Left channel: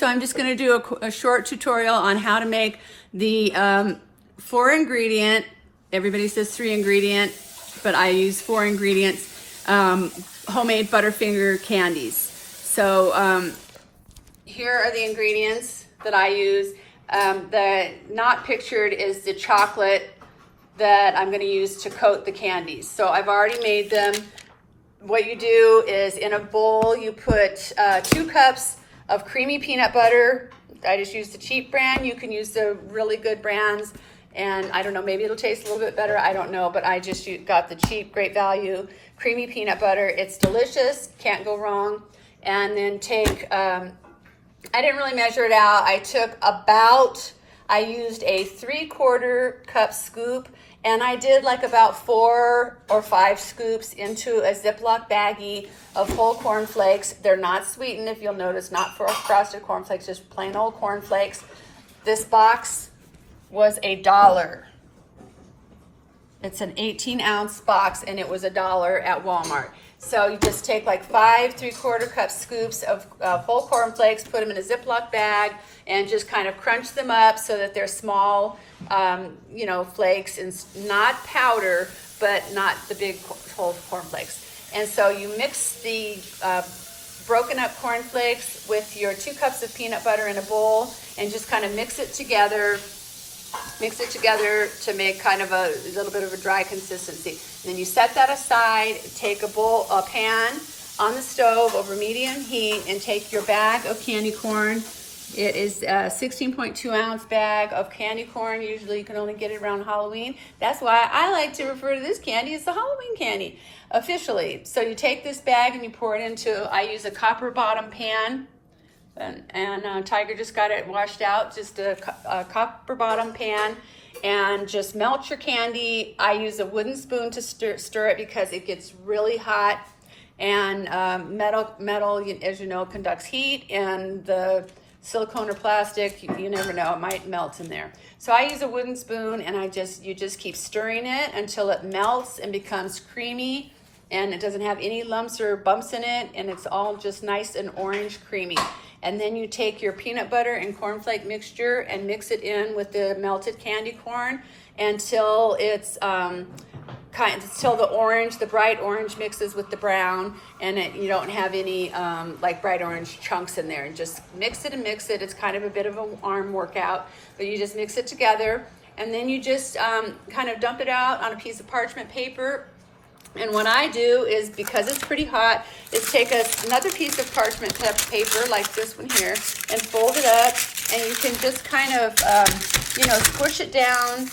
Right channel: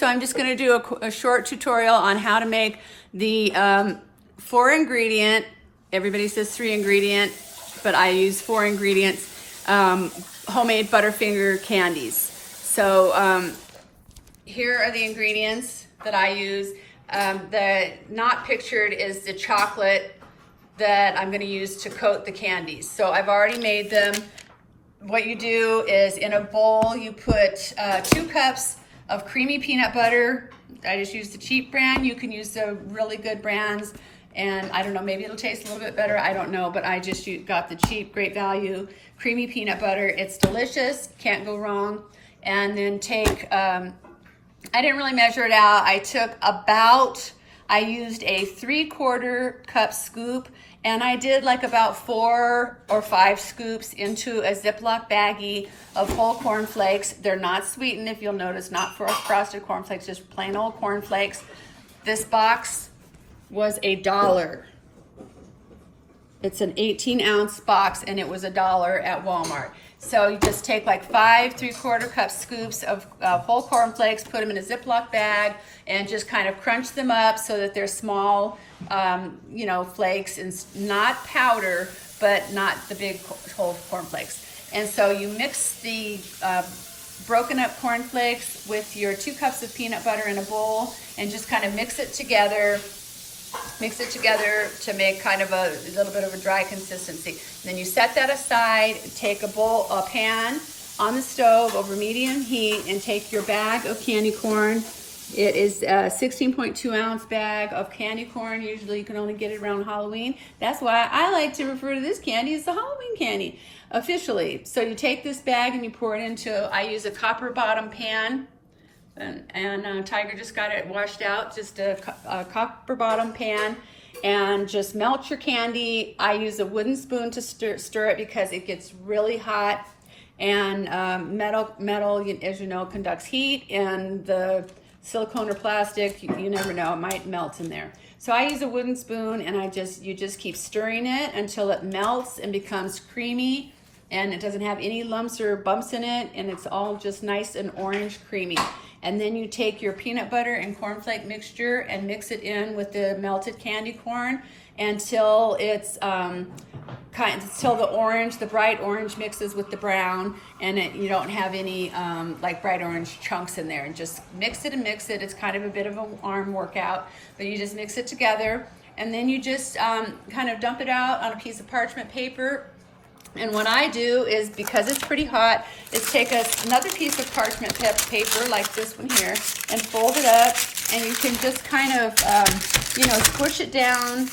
So I'm just gonna do a short tutorial on how to make the 4-ingredient, everybody says 3-ingredient, but I use 4 ingredients, homemade Butterfinger candies. So here are the ingredients that I use. The not pictured is the chocolate that I'm going to use to coat the candies. So I've already made them. What you do is in a bowl you put 2 cups of creamy peanut butter. I just use the cheap brand. You can use the really good brands, and I don't know, maybe it'll taste a little bit better, I don't know, but I just got the cheap, great value creamy peanut butter. It's delicious, can't go wrong. And then take, I didn't really measure it out. I used a 3/4 cup scoop, and I did like about 4 or 5 scoops into a Ziploc baggie of whole corn flakes. They're not sweetened, if you'll notice, not for frosted corn flakes, just plain old corn flakes. This box was $1. It's an 18-ounce box, and it was $1 at Walmart. So you just take like 5 3/4 cup scoops of whole corn flakes, put them in a Ziploc bag, and just kind of crunch them up so that they're small, you know, flakes, and not powder, but not the big whole corn flakes. And so you mix the broken up corn flakes with your 2 cups of peanut butter in a bowl, and just kind of mix it together to make kind of a little bit of a dry consistency. Then you set that aside, take a pan on the stove over medium heat, and take your bag of candy corn. It is a 16.2 ounce bag of candy corn. Usually you can only get it around Halloween. That's why I like to refer to this candy as the Halloween candy, officially. So you take this bag and you pour it into, I use a copper bottom pan. And Tiger just got it washed out, just a copper bottom pan, and just melt your candy. I use a wooden spoon to stir it because it gets really hot, and metal, as you know, conducts heat, and the silicone or plastic, you never know, it might melt in there. So I use a wooden spoon, and you just keep stirring it until it melts and becomes creamy, and it doesn't have any lumps or bumps in it, and it's all just nice and orange creamy. And then you take your peanut butter and cornflake mixture and mix it in with the melted candy corn until it's until the bright orange mixes with the brown, and you don't have any like bright orange chunks in there. And just mix it and mix it. It's kind of a bit of an arm workout, but you just mix it together, and then you just kind of dump it out on a piece of parchment paper. And what I do is, because it's pretty hot, is take another piece of parchment paper like this one here and fold it up, and you can just kind of, you know, squish it down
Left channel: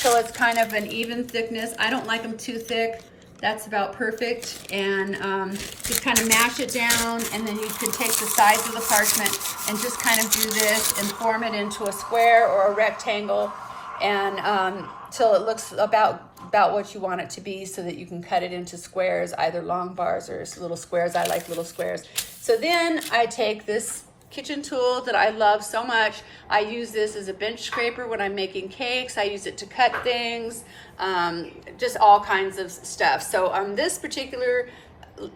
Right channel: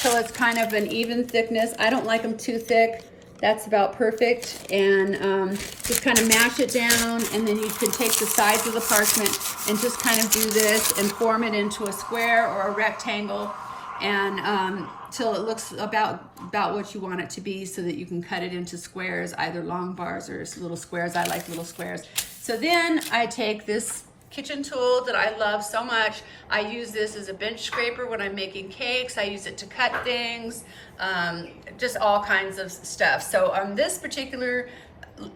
till it's kind of an even thickness. I don't like them too thick. That's about perfect. And just kind of mash it down, and then you can take the sides of the parchment and just kind of do this and form it into a square or a rectangle, and till it looks about what you want it to be, so that you can cut it into squares, either long bars or little squares. I like little squares. So then I take this kitchen tool that I love so much. I use this as a bench scraper when I'm making cakes. I use it to cut things, just all kinds of stuff. So on this particular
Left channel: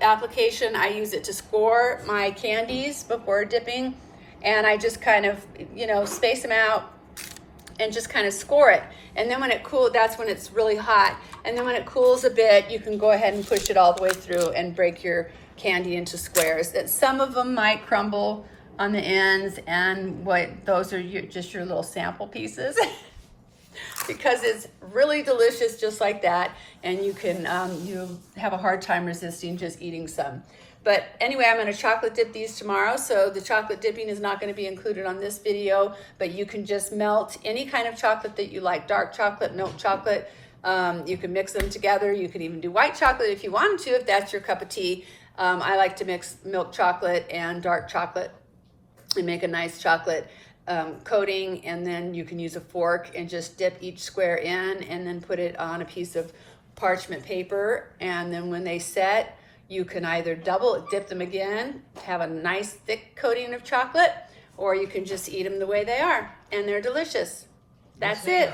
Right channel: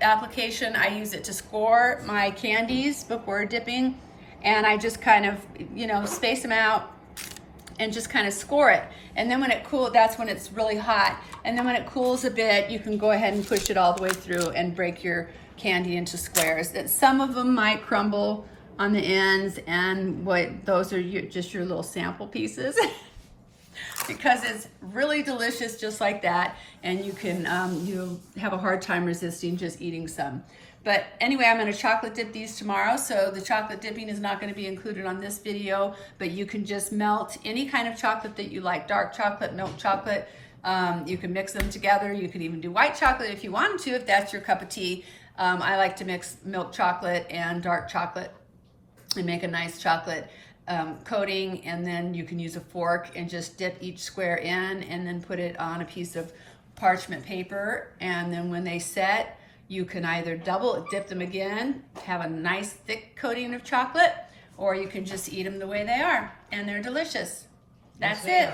application, I use it to score my candies before dipping, and I just kind of, you know, space them out and just kind of score it. And then when it cools, that's when it's really hot. And then when it cools a bit, you can go ahead and push it all the way through and break your candy into squares. Some of them might crumble on the ends, and those are just your little sample pieces. Because it's really delicious just like that, and you can you'll have a hard time resisting just eating some. But anyway, I'm going to chocolate dip these tomorrow, so the chocolate dipping is not going to be included on this video, but you can just melt any kind of chocolate that you like, dark chocolate, milk chocolate. You can mix them together. You can even do white chocolate if you wanted to, if that's your cup of tea. I like to mix milk chocolate and dark chocolate and make a nice chocolate coating, and then you can use a fork and just dip each square in, and then put it on a piece of parchment paper. And then when they set, you can either double dip them again, have a nice thick coating of chocolate, or you can just eat them the way they are, and they're delicious. That's it.